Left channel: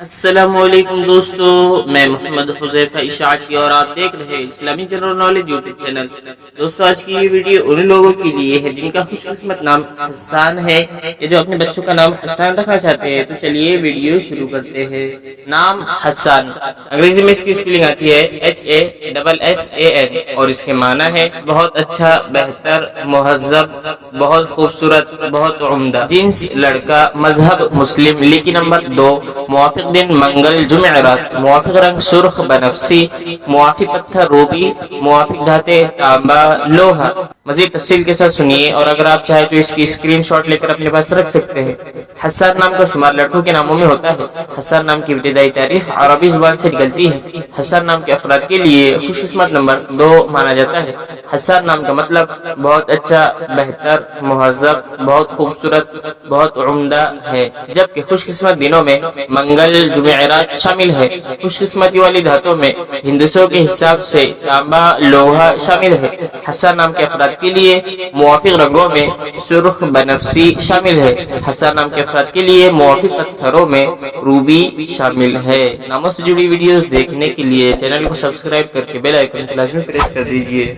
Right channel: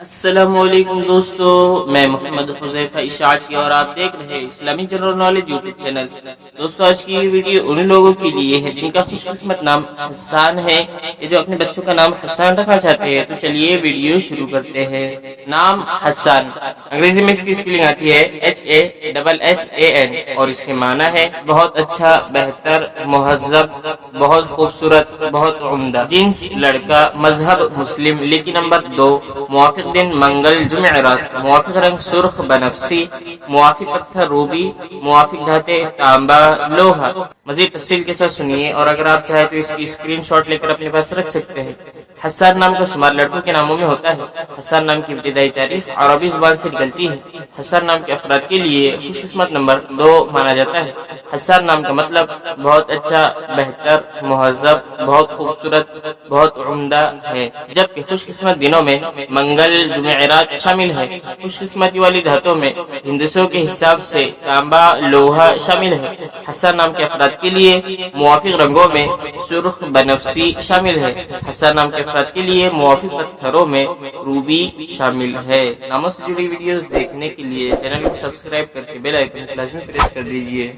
السلام علیکم دوستو، میں محمد حذیفہ اشاعتی اور آپ دیکھ رہے ہیں اسلامی جنرل نالج یوٹیوب چینل۔ دوستو آج کی یہ ویڈیو ان لوگوں کے لیے ہے جن کا خوش قسمت نام حسان ہے یا جو اپنے بچوں کا نام حسان رکھنا چاہتے ہیں۔ تو چلیے ویڈیو شروع کرتے ہیں۔ نام حسان، انگریزی میں اس کی اسپیلنگ آتی ہے HASSAN اور اس کے معنی ہے بہت اچھا، بہتر، مہذب، بہت خوبصورت، بہت عمدہ۔ جنس لڑکا، مذہب مسلم، لکی نمبر 2، موافق دن منگل جمعرات، موافق رنگ سرخ بنفسی، موافق پتھر روبی، موافق دھاتیں تانبا لوہا۔ مزید تفصیل کے ساتھ سنیے اور اگر آپ چاہیں تو اس کی اسکرین شاٹ لے کر اپنے پاس رکھ سکتے ہیں۔ حسان نام کا شمار لڑکوں کے ناموں میں ہوتا ہے۔ حسان نام کی ابتدائی تاریخ عربی زبان سے نکلتی ہے۔ حسان نام کے افراد کے لیے خوش قسمت نمبر 2 مانا جاتا ہے۔ حسان نام کا مطلب بہت اچھا، بہتر، مہذب، بہت خوبصورت، بہت عمدہ ہے، جبکہ خوش قسمت دنوں میں منگل جمعرات شامل ہے۔ خوش قسمتی والی دھاتوں میں ہندسوں کے حساب سے تانبا لوہا شامل ہے۔ حسان نام کے افراد کے لیے موافق رنگوں میں سرخ بنفسی شامل ہے۔ حسان نام کے افراد کے لیے موافق پتھروں میں روبی شامل ہے۔ ناموں سے جڑی ویڈیوز دیکھنے کے لیے چینل کو سبسکرائب کر کے بیل آئیکن کو لازمی پریس کر دیجیے۔